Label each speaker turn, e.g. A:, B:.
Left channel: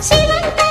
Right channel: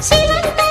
A: Sailing down.